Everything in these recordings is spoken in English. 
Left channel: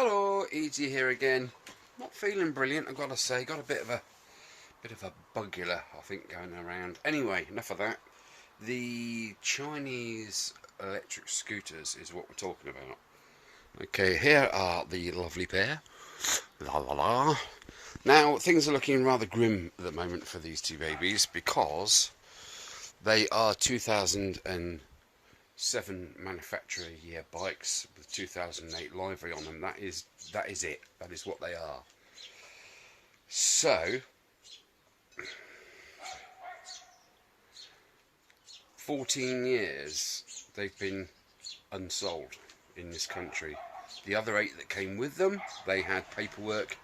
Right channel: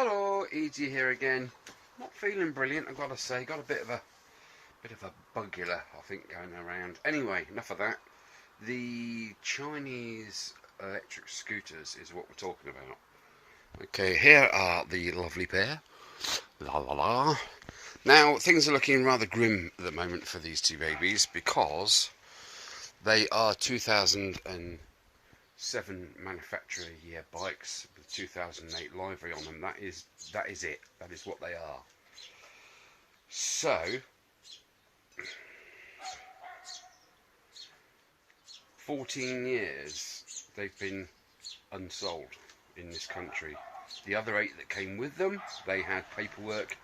Hello, E.G. here again. Not feeling brilliant, I've got to say. Got a bit of a bugula, I think, going around. Anyway, enough of that. The Chinese electric scooters is what we're talking about. Okay, here are the lovely pair. La la la. Now, things are looking rather grim at the moment for these two babies because they are 2007 manufacturer year bikes with 2008 livery on them. That is it. That is what they are. So 14 years they've been unsold in this country. The other 8 that came with them, they had paperwork,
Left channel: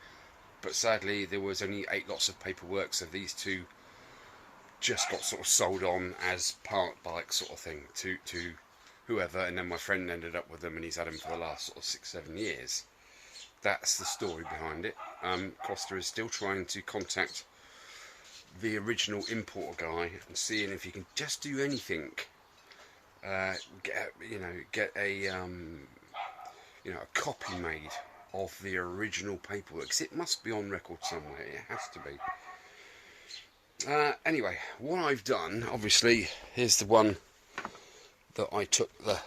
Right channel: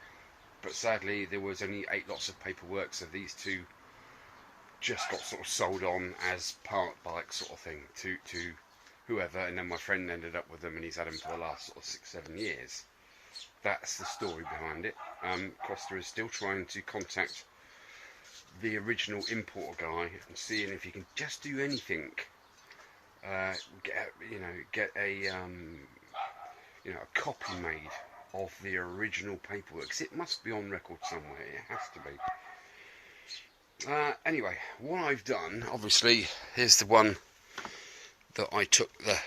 but sadly there was only 8 lots of paperwork, so these two just got sort of sold on as part bikes sort of thing to whoever, and then my friend ended up with them and he's had them for the last sort of 6-7 years. That's the story behind it. Costa is still trying to contact the original importer guy and seeing if he can just do anything. Get a a copy made of the original paperwork, 'cause it must be on record somewhere. It has to be. Anyway, what I've done, obviously, here's the one that I took the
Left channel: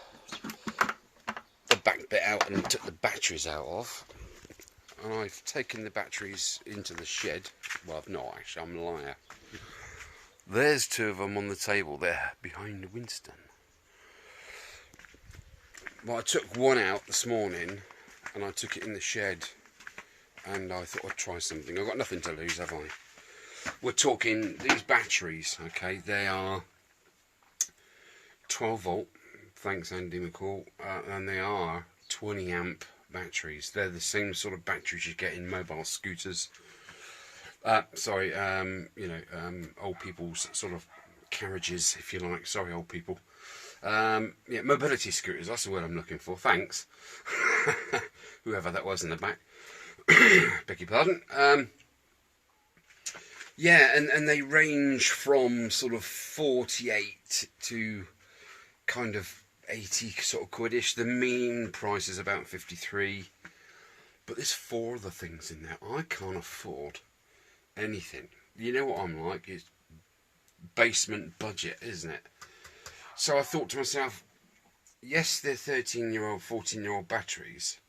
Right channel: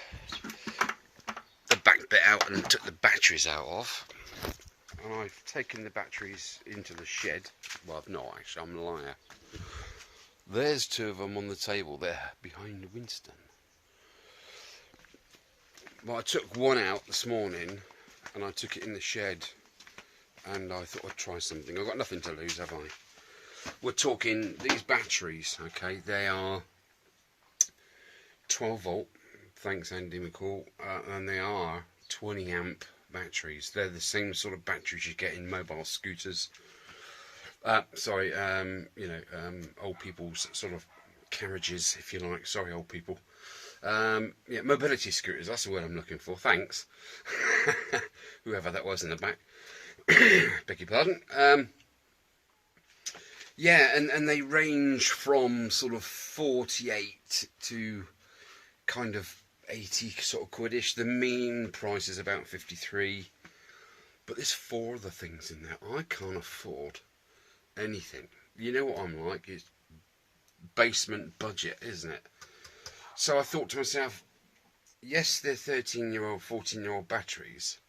back bit out and took the batteries out of. And I've taken the batteries into the shed. Well, I've not actually, I'm a liar. There's 2 of them on the table there behind Winston. Well, I took one out this morning and I took it in the shed and I thought I'd try something. I've got nothing to lose, have I? We're talking these batteries, okay? They are 12 volt, thanks Andy McCall, and they are 20 amp batteries. They're the same sort of batteries you get in mobile scooters. Old people's sort of carriages, if you like. Sorry, old people. Mobility scooters, that's the word I'm looking for. Thanks. Whoever that was in the back. Beg your pardon. And they range from sort of 48 to kind of 80 sort of quidish. The mean price is about 53. But there's 4 other things in there. I can't afford anything. You know what I'm like? It's basement budget, isn't it? So I thought to myself, yes, they're 13-year-old, 14-year-old batteries.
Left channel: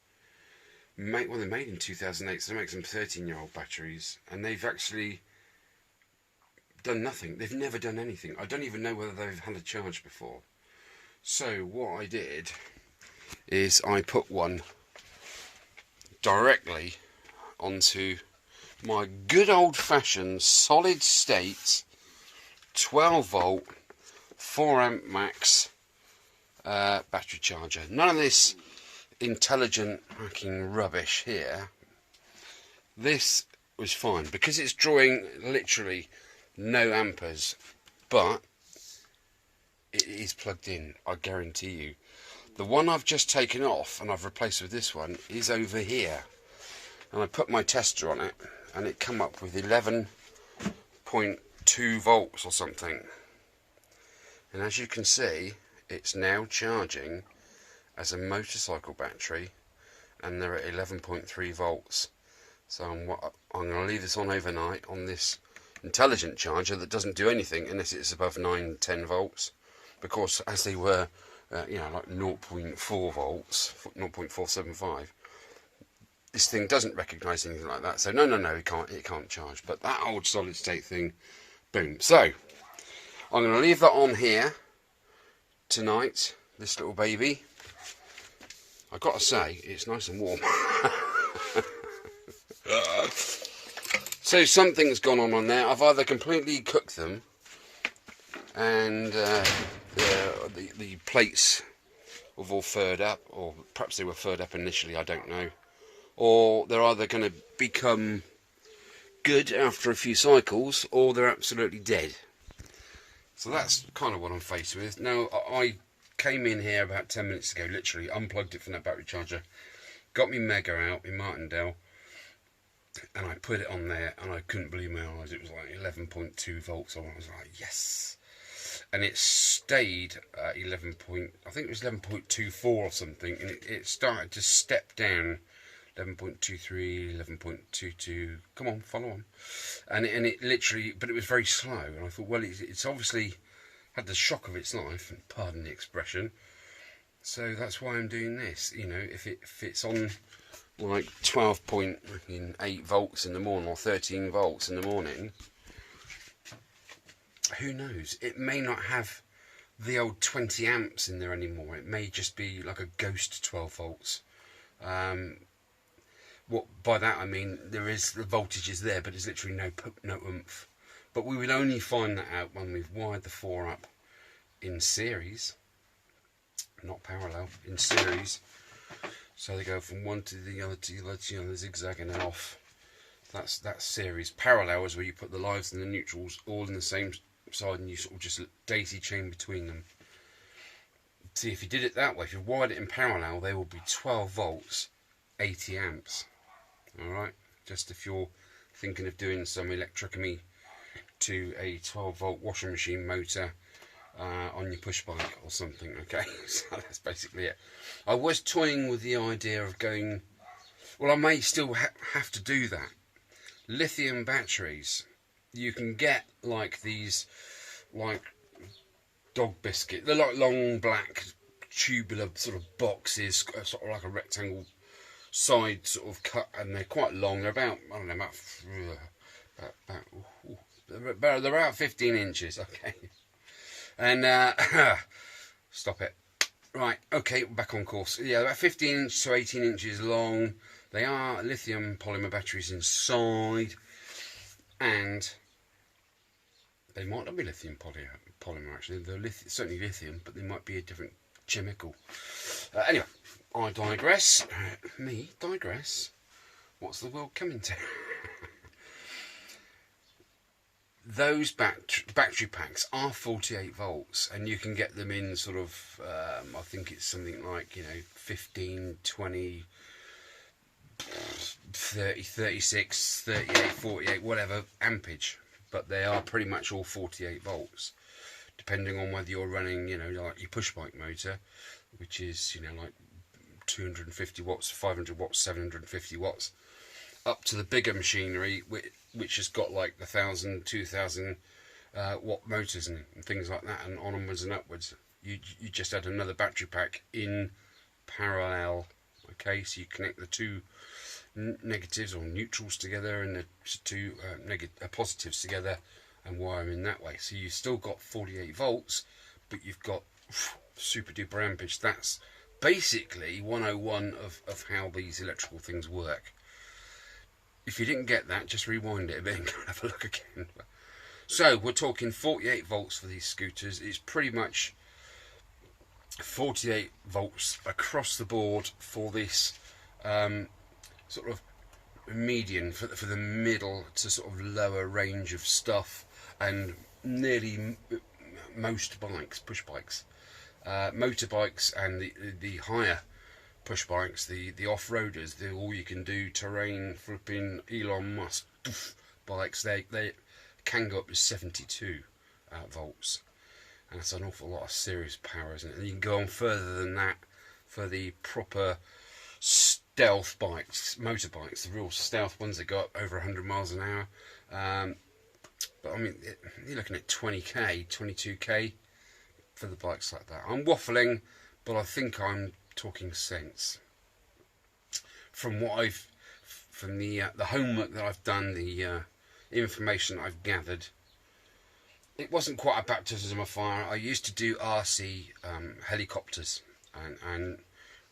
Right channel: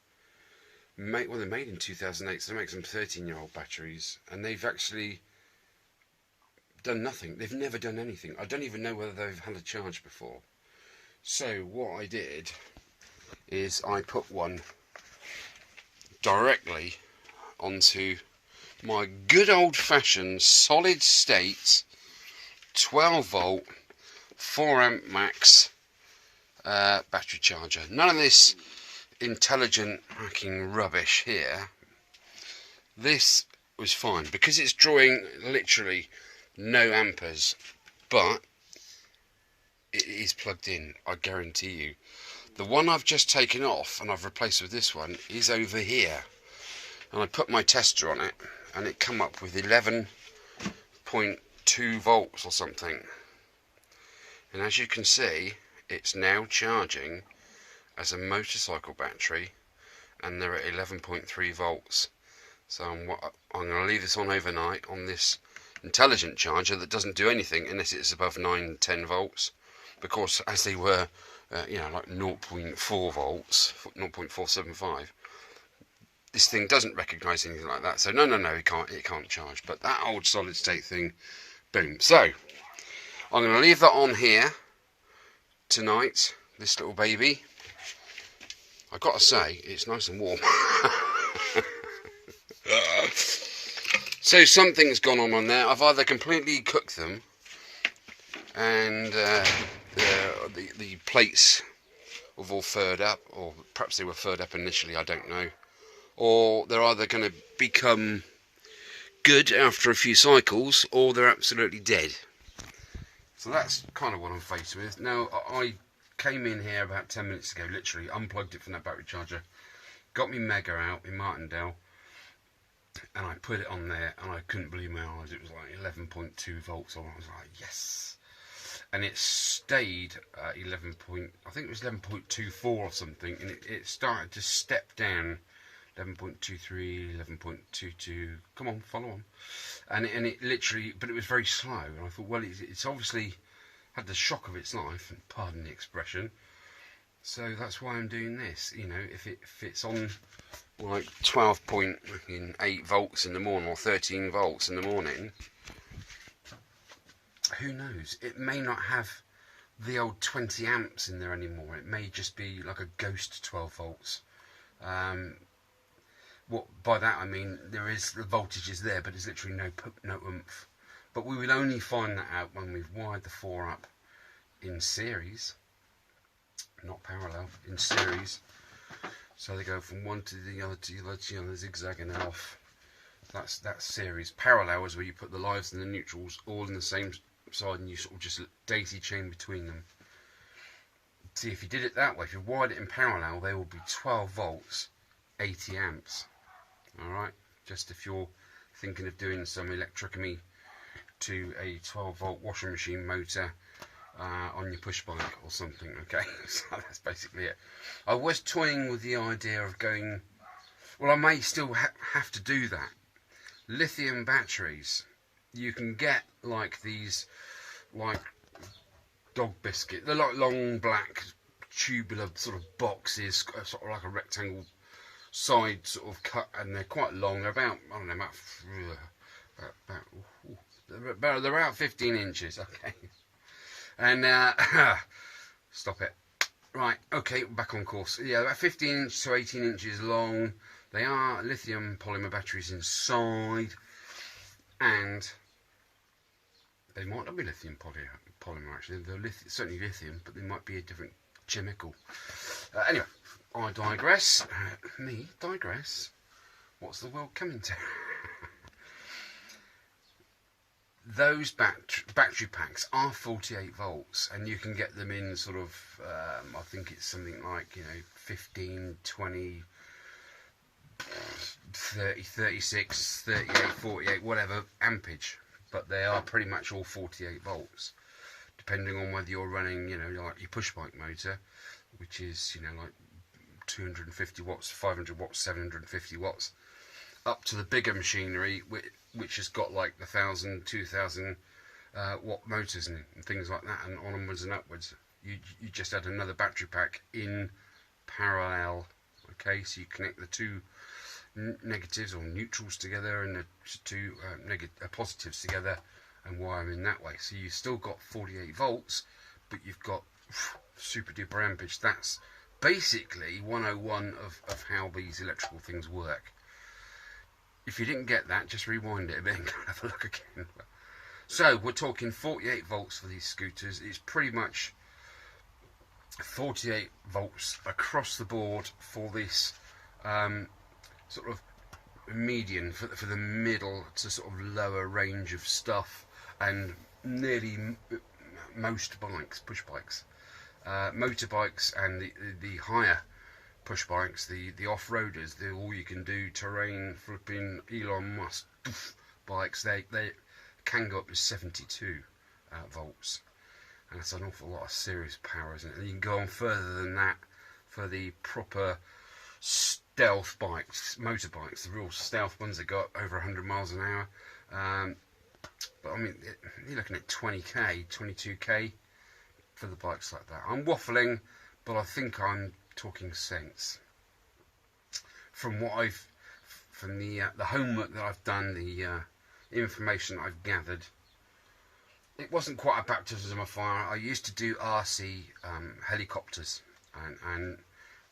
They're made in 2008, so they make some 13-year-old batteries, and they've actually done nothing. They've never done anything. I don't even know whether they've had a charge before. So what I did is I put one directly onto my good old-fashioned solid state 12 volt 4 amp max battery charger. None of this intelligent hacking rubbish here. This was fine because it's drawing literally no amperes, but it is plugged in, I guarantee you. The one I've just taken off and I've replaced with this one is over here, and I put my tester on it and it come up with 11.2 volts or something, and as you can see it's now charging as a motorcycle battery and they're at 11.3 volts. So I'm going to leave this on overnight on this intelligent charger that doesn't do anything unless it's above 9-10 volts, because as they were like 0.4 volts, 0.475, this thing doesn't recognise anything like that. So no, it can't charge. But that old solid state thing, boom. So I'm going to leave that on here tonight, this little baby. I've got to say, it's nice and warm. So something's gone on there. I've either completely cooked them and the plates have all furred up, or perhaps they were furred up initially, I don't know. Or they're either going to become good after a few cycles, or they're absolutely dead. So that's kind of what I'm faced with. Now, I came in here about 10 minutes ago, literally unplugged it from that battery charger, got me Mega out in Martindale, and I put it on there, and I couldn't believe my eyes. It was like 11.2 volts on. I was like, yes. And it stayed at I think it was 11.24 or something, and it started to step down 11.23, 11.22. Come on, follow on. And it literally, but it was very slow. And I thought, well, it's obviously had the shock of its life, and pardon the expression. So that's why I'm doing this. You know, if it's on like 12.8 volts in the morning or 13 volts in the morning, who knows? It may not have the old 20 amps in there anymore. It may just be like a ghost 12 volts. What by that I mean, there is the voltage is there, but there's literally no oomph. But we will only find that out when we've wired the four up in series, not parallel, in series. So they go from one to the other to the other, you know, zigzagging off. That's series. Parallel is where you put the lives and the neutrals all in the same side, and you sort of just daisy chain between them. See, if you did it that way, if you wired it in parallel, they will be 12 volts, 80 amps. Alright, just if you're thinking of doing some electrochemy to a 12 volt washing machine motor on your push bike or something, okay? So that's basically it. I was toying with the idea of going, well, I may still have to do that. Lithium batteries, you can get like these, like dog biscuit, they're like long black tubular sort of boxes, sort of like a rectangle side sort of cut, and they're quite long. They're about, I don't know, they're about 15 inches, okay. And stop it. Right, okay, back on course. Yeah, about 15 to 18 inches long. They are lithium polymer batteries inside, and they might not be lithium polymer actually. They're certainly lithium, but they might be a different chemical. Anyway, I digress. Me digress. What's the world coming to? Those battery packs are 48 volts, and you can get them in sort of, I think it's something like, you know, 15, 20, 30, 36, 38, 48, whatever ampage. But they are pretty much all 48 volts, depending on whether you're running, you know, like your push bike motor, which is, you know, like 250 watts, 500 watts, 750 watts, up to the bigger machinery, which has got like the 1,000, 2,000 watt motors and things like that, and onwards and upwards. You just add another battery pack in parallel. Okay, so you connect the two negatives or neutrals together and the two positives together and wire them in that way. So you've still got 48 volts, but you've got super duper ampage. That's basically 101 of how these electrical things work. If you didn't get that, just rewind it a bit and go and have a look again. So we're talking 48 volts for these scooters. It's pretty much 48 volts across the board for this sort of median, for the middle to sort of lower range of stuff, and nearly most bikes, push bikes, motorbikes, and the higher push bikes, the off-roaders, the all you can do terrain flipping Elon Musk bikes, they can go up to 72 volts, and that's an awful lot of serious power, isn't it? And you can go on further than that for the proper stealth bikes, motorbikes, the real stealth ones that go up over 100 miles an hour. But I mean, you're looking at 20k, 22k for the bikes like that. I'm waffling, but I think I'm talking sense. From what from the homework that I've done, the information I've gathered, it wasn't quite a baptism of fire. I used to do RC helicopters and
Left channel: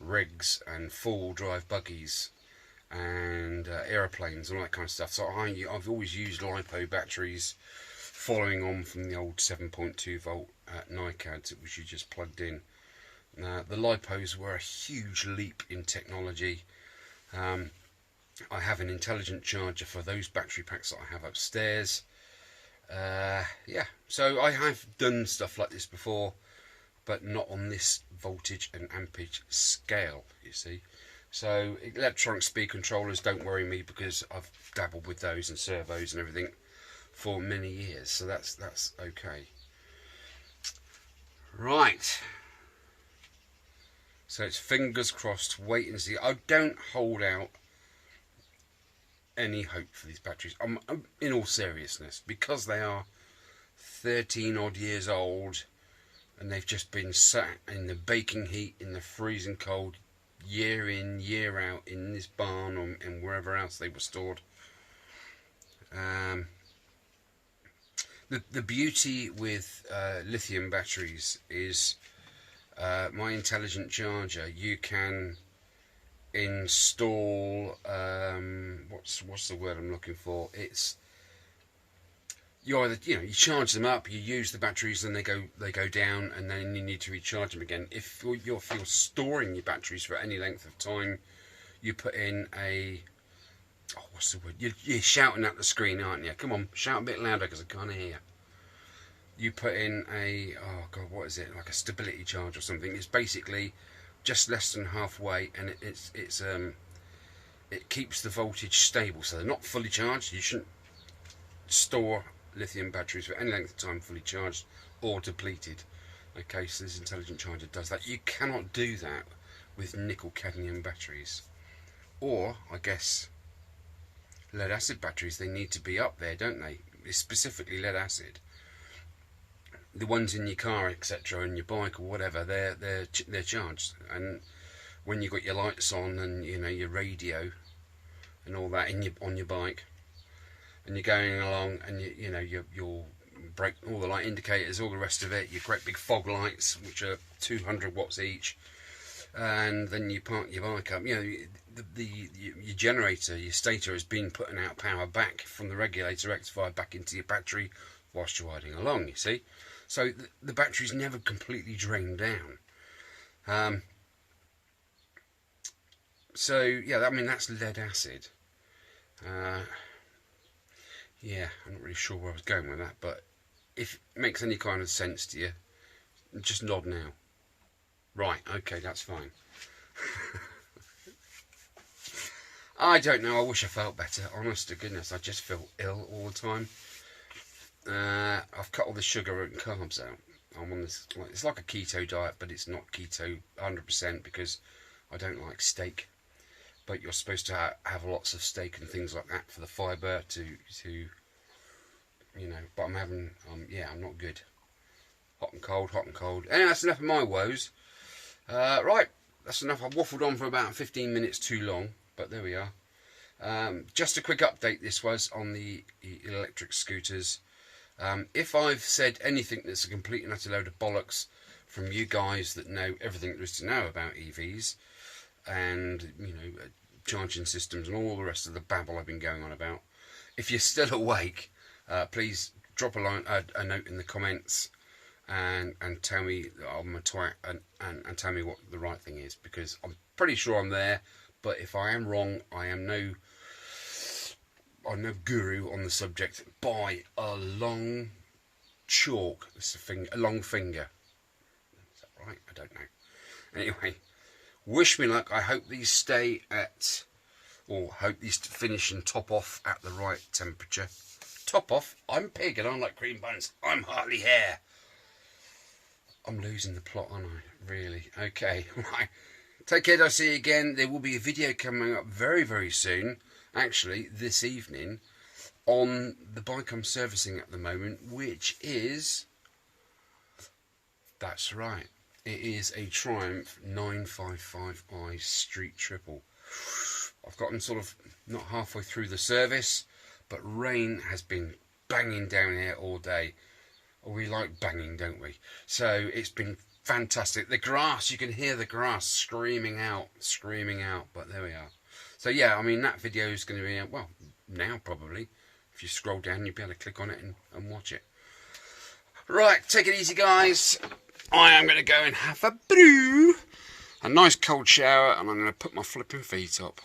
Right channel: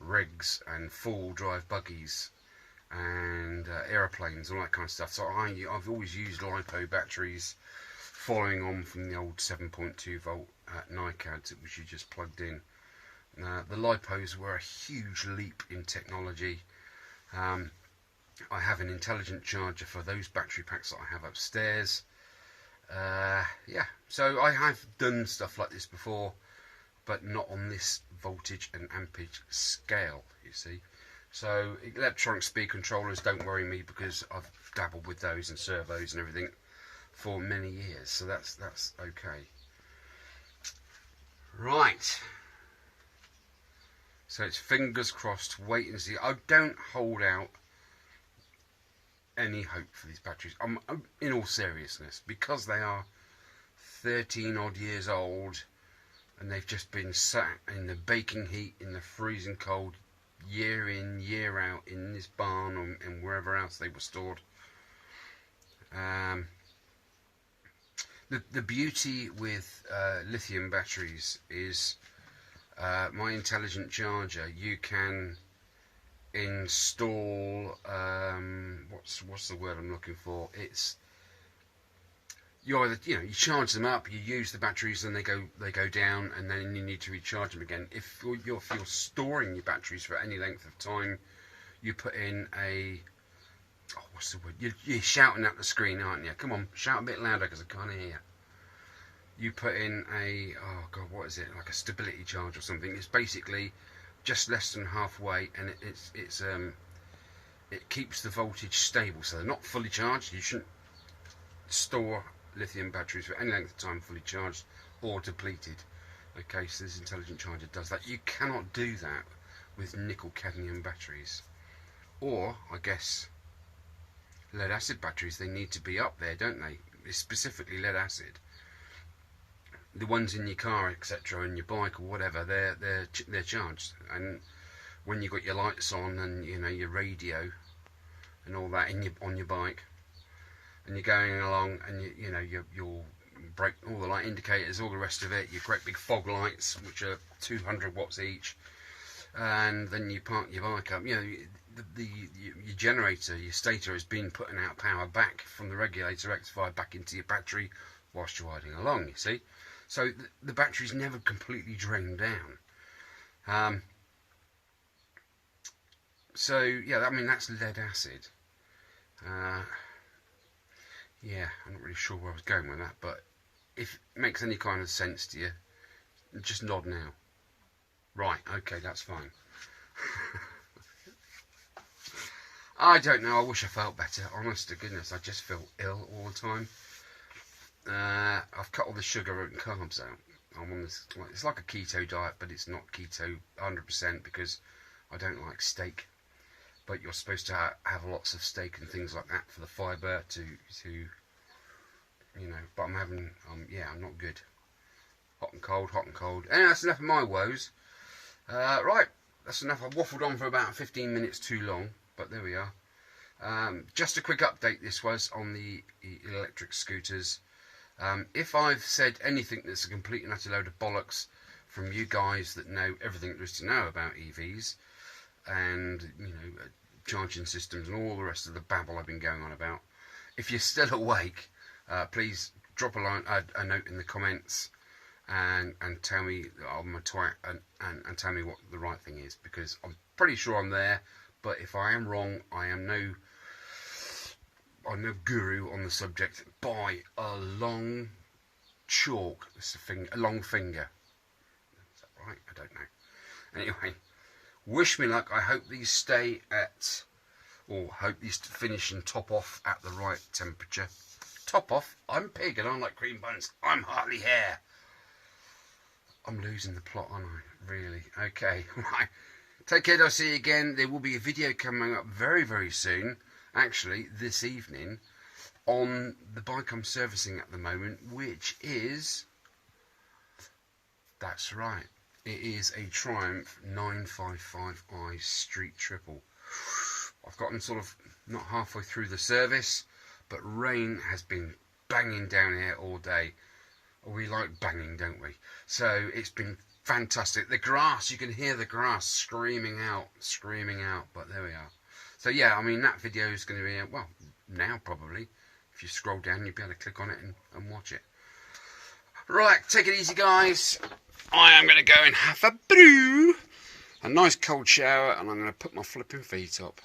rigs and four-wheel drive buggies and aeroplanes, all that kind of stuff. So I've always used LiPo batteries, following on from the old 7.2 volt NiCads, which you just plugged in. The LiPos were a huge leap in technology. I have an intelligent charger for those battery packs that I have upstairs. Yeah, so I have done stuff like this before, but not on this voltage and ampage scale, you see. So electronic speed controllers don't worry me, because I've dabbled with those and servos and everything for many years, so that's okay. Right. So it's fingers crossed, wait and see. I don't hold out any hope for these batteries. In all seriousness, because they are 13 odd years old and they've just been sat in the baking heat, in the freezing cold, year in, year out, in this barn and wherever else they were stored. The beauty with lithium batteries is my intelligent charger. You can install what's the word I'm looking for? It's you either you charge them up, you use the batteries, and they go down, and then you need to recharge them again. If you're storing your batteries for any length of time, you put in a what's the word? You're shouting at the screen, aren't you? Come on, shout a bit louder because I can't hear. You put in a what is it? Like a stability charge or something. It's basically just less than halfway, and it keeps the voltage stable, so they're not fully charged. You shouldn't store lithium batteries for any length of time fully charged or depleted. Okay, so this intelligent charger does that. You cannot do that with nickel cadmium batteries, or I guess lead acid batteries. They need to be up there, don't they? It's specifically lead acid. The ones in your car, etc., and your bike or whatever, they're charged. And when you've got your lights on and your radio and all that on your bike, and you're going along, and you'll break all the light indicators, all the rest of it, your great big fog lights, which are 200 watts each, and then you park your bike up. Your generator, your stator, has been putting out power back from the regulator rectifier back into your battery whilst you're riding along. You see. So the battery's never completely drained down. So yeah, I mean that's lead acid. Yeah, I'm not really sure where I was going with that, but if it makes any kind of sense to you, just nod now. Right, okay, that's fine. I don't know, I wish I felt better. Honest to goodness, I just feel ill all the time. I've cut all the sugar and carbs out. I'm on this, it's like a keto diet, but it's not keto 100% because I don't like steak. But you're supposed to have lots of steak and things like that for the fibre to but I'm having, I'm not good. Hot and cold, hot and cold. Anyway, that's enough of my woes. Right, that's enough. I've waffled on for about 15 minutes too long, but there we are. Just a quick update this was on the electric scooters. If I've said anything that's a complete and utter load of bollocks from you guys that know everything there is to know about EVs and charging systems and all the rest of the babble I've been going on about, if you're still awake, please drop a note in the comments and tell me that I'm a twat and tell me what the right thing is, because I'm pretty sure I'm there, but if I am wrong, I'm no guru on the subject by a long chalk. It's a long finger. Is that right? I don't know. Anyway, wish me luck. I hope these stay at, or hope these finish and top off at the right temperature. Top off? I'm pig and I like cream buns. I'm hardly hair. I'm losing the plot, aren't I? Really? Okay. Right. Take care. I'll see you again. There will be a video coming up very, very soon. Actually, this evening, on the bike I'm servicing at the moment, which is, that's right, it is a Triumph 955i Street Triple. I've gotten sort of not halfway through the service, but rain has been banging down here all day. We like banging, don't we? So it's been fantastic. The grass, you can hear the grass screaming out, but there we are. So yeah, I mean, that video is going to be, well, now probably. If you scroll down, you'll be able to click on it and watch it. Right, take it easy, guys. I am going to go and have a brew, a nice cold shower, and I'm going to put my flipping feet up.